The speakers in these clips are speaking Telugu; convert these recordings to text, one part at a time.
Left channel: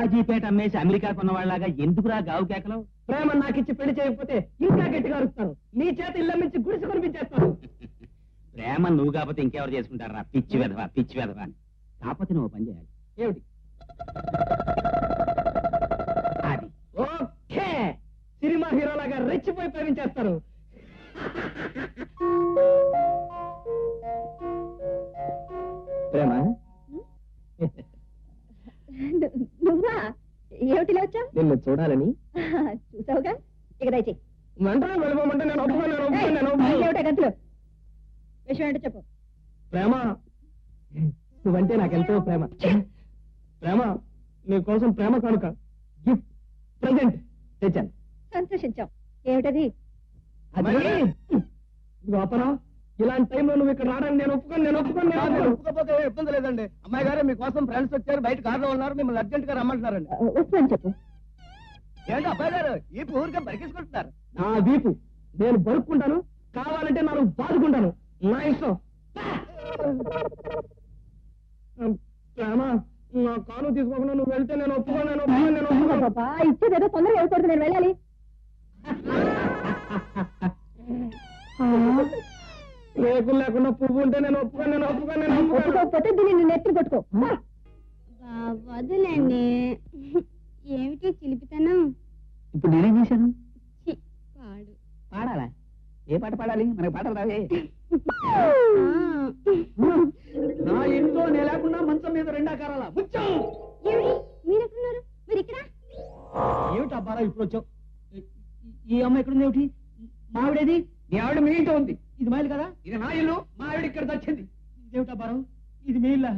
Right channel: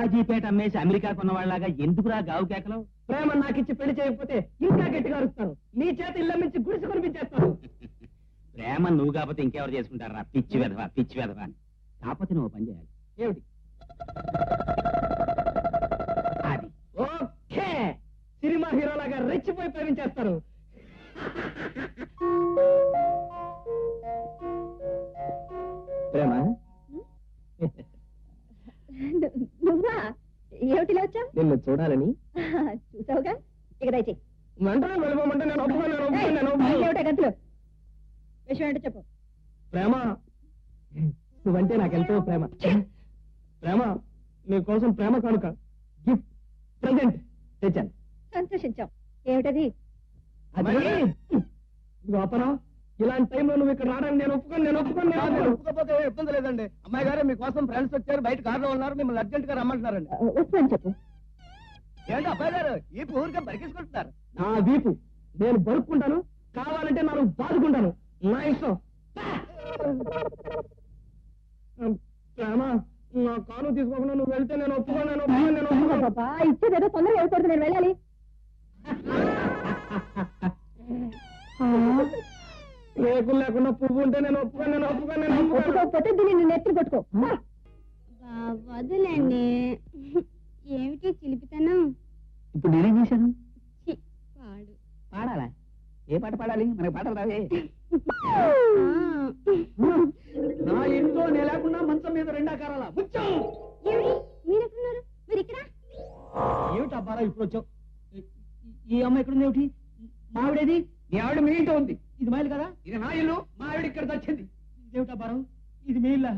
బాజీపేట అమ్మేసి అమెరికా కొన్న వాళ్ళగా ఎందుకురా గావు కేకలు? ప్రేమ నాకిచ్చి పెళ్లి చేయకపోతే ఇంకా గట్టిగా అరుస్తాను. నీ చేత ఇళ్ళ నుంచి గుడిసి కొనిపించేస్తాను. ప్రేమ నువ్వు కాకపోతే ఇంకెవరు చేసుకుంటారా? పిచ్చి వెధవా, పిచ్చి వెధవా. కాకపోతే నువ్వు పని చేయాలి. ఏమిటి? అది ఓకే, సినిమా హీరోలాగా రెచ్చిపోయి ప్రేమించేస్తారు. ప్రేమ నువ్వా? ఏమిటిలా వచ్చావు? నిన్ను చూడాలని. చూసావుగా, ఇక దయచేయి. మంటరా వెళ్ళమంటే నేను ఒప్పుకోను. ఏమిటా గంతులు? విషయం ఏంటో చెప్పు. ప్రేమ, నువ్వంటే నాకెంతో ప్రేమ. ప్రేమ, నీ కోసం ప్రేమ కానుక గిఫ్ట్ ప్రెజెంట్ తెచ్చాను. సంతోషించాం. ఏమిటది? అది గోపరా, ఇలాంటి టైంలో నువ్వు ఇక్కడ రావడానికి నేను ఒప్పుకోను. ఒప్పుకోపోతే ఇబ్బంది లేదండి. అమ్మాయి గారు మీకోసం ఫ్రెండ్స్ వచ్చారు, బయట కార్లో ఉన్నారు, మిమ్మల్ని అర్జెంట్ గా రమ్మంటున్నారండి. ఒప్పు అని చెప్పు. ఏంటి అబ్బాయి గారు ఈ ఊరికే బరికేసుకుంటున్నారు? నా వీపు నేను బరుక్కుంటాను, కావాలంటే మనం బాదుకుంటాను. నా ఇష్టం. ప్రేమ, నా కాలు తీసుకోకుండా నువ్వు వెళ్తే నేను ఒప్పుకోను. పాపా, ఇచ్చేదేదో తొందరగా వెళ్ళకూడదు, నేను వెళ్ళాలి. రేపు లేకుండా పువ్వు ఉంటే నేను ఒప్పుకోను. ఒప్పుకోకపోతే దీన్ని నిన్ను ఎత్తి పట్టుకో. వదలండి, ఏమిటో చిలిపితనం. ఇప్పుడు నేనేం చేశాను? వాడు పాడాలా? ఏ పాట పాడాలి? మనకి పాటలు రావే. నా ఇంట్లో నేను లేకుండా మంచం మీద రెండాకారాల మీరెక్కడున్నారు? మీరు ఇక్కడ? ఏమిటి అబ్బారా ఇప్పుడు వచ్చావు? ఈ అమ్మాయి ఇక్కడ ఉంది. ఏమిటి మావిడేది? నీ ఆవిడ మీ ఇంట ఉంది. ఇది మైలు కదా, ఇది నా ఇల్లు. మా ఆవిడ ఇక్కడ వచ్చింది. ఇదేమిటి అబ్బారం, ఇది మీ ఇల్లా?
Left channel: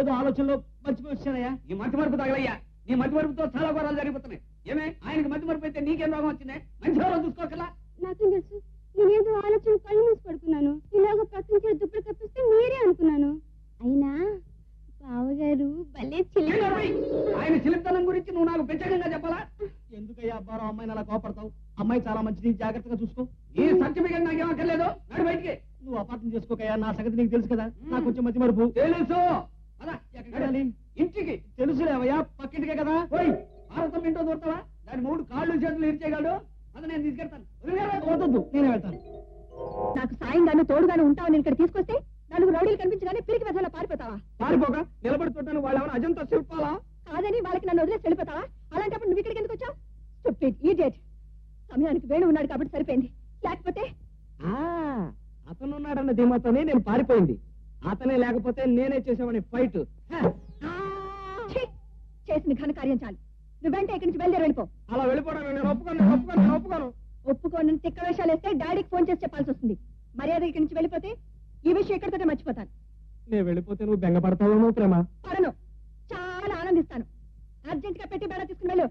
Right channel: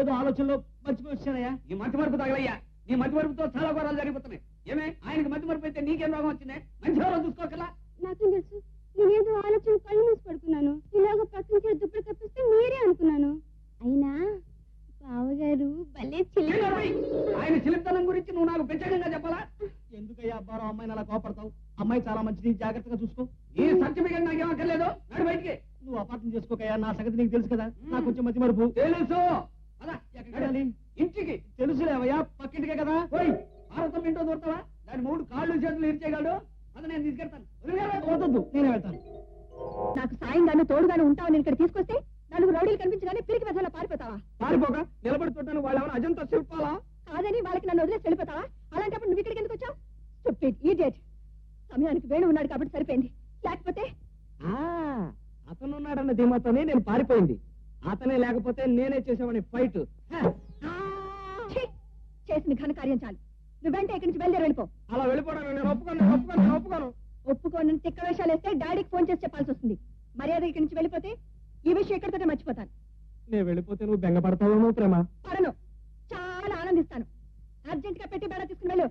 ఏదో ఆలోచనలో మర్చిపోయి వచ్చానయ్యా. నీ మట్టి మరుపు తగలయ్యా. నీ మట్టి మరుపుతో చాలా ఘోరాలు జరిగిపోతున్నాయి. ఏమే, ఆయనకి మట్టి మరుపు అయితే నీకేం రోగం వచ్చింది? మంచి రోజు చూసుకోకలా. నాకేం తెలుసు? నేనేదో ఆలోచన కళ్ళు మూసి పడుకున్నాను. ఇలాగ పక్కన చేసి దుప్పటి కప్పిస్తే మీరే అనుకున్నాను. అయినా బావగారు భలే చిలిపి. ఆయన చిలిపితనం గురించి నువ్వు నాకు ప్రత్యేకంగా చెప్పాలా? ఎందుకయ్యా అబ్బారం అమ్మాయిని అలా కోపడతావు? అమ్మాయి చాలా మంచిది, జాగ్రత్తగా చూసుకో. ఈ సర్టిఫికెట్ నాకేం అక్కర్లేదు. నడు బయటికి. నువ్వు అపార్థం చేసుకోకయ్యా, నా సంగతి నీకు తెలుసు కదా. నాకు కొంచెం మధ్య మరుపు తెలుసు. అలా ఎక్కడికి? ఇంటికి. తెలుసులేవయ్యా, పక్కింటికే కదా. పోయి భారతం ఏంటో దొరుకుతావా? దాని మూడు కాళ్ళు చేతులు ఇచ్చేయగలడు. అది నేను తీసుకెళ్తాను. వద్దు, నేనే వెళ్తాను. నాకు సాయంగాను తోడుగాను ఉంటావని ఇక్కడ తీసుకొస్తే నలుగురు రౌడీలు కనిపించగానే పిరికి వెదలా పారిపోతావా? పారిపోక నిలబడుతుంటాను. వాళ్ళు ఎవరు అజంతా శిల్పాలా? కాదని వాళ్ళకి నన్ను వదిలేసి వెళ్ళిపోతావా? అలాంటప్పుడు నువ్వు ఇక్కడికి ఎందుకు వచ్చావు? Stupid idiot. సమయానికి వేణు ఉన్నాడు కాబట్టి సరిపోయింది, లేకపోతే అతను ఉన్నాడన్న ధీమాతోనే నేను పారిపోయింది. అతనే లేకపోతే నేనే చేసేవాడిని ఫైట్. ఛీ! చేసిన ఘనకార్యం చాలు. నువ్వెంటే ఇక్కడి నుంచి బయలుదేరి వెళ్ళిపో. అలా వెళ్ళిపోవడం నేను ఒప్పుకోను. ఒప్పుకోని తిక్క వేషాలు వేస్తే డాడీకి ఫోన్ చేసి చెప్పాల్సి వస్తుంది. మర్యాద ఇక్కడి నుంచి వెళ్ళిపోతే ఈ విషయం ఎక్కడికైనా మర్చిపోతాను. నేను వెళ్ళిపోతే నువ్వు బెంగపడతావేమో ప్రేమ. పడను, చాలా ఆనందిస్తాను. అర్జెంట్ గా పెట్టి బేడ తీసుకుని వెళ్ళు.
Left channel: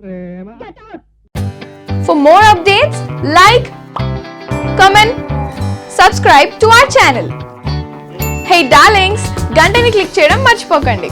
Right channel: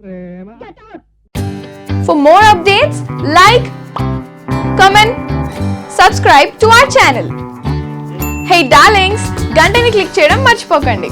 ప్రేమ. Get out. For more updates, like, comment, subscribe to our channel. Hey darlings, గంటని click చేయడం మర్చిపోకండి.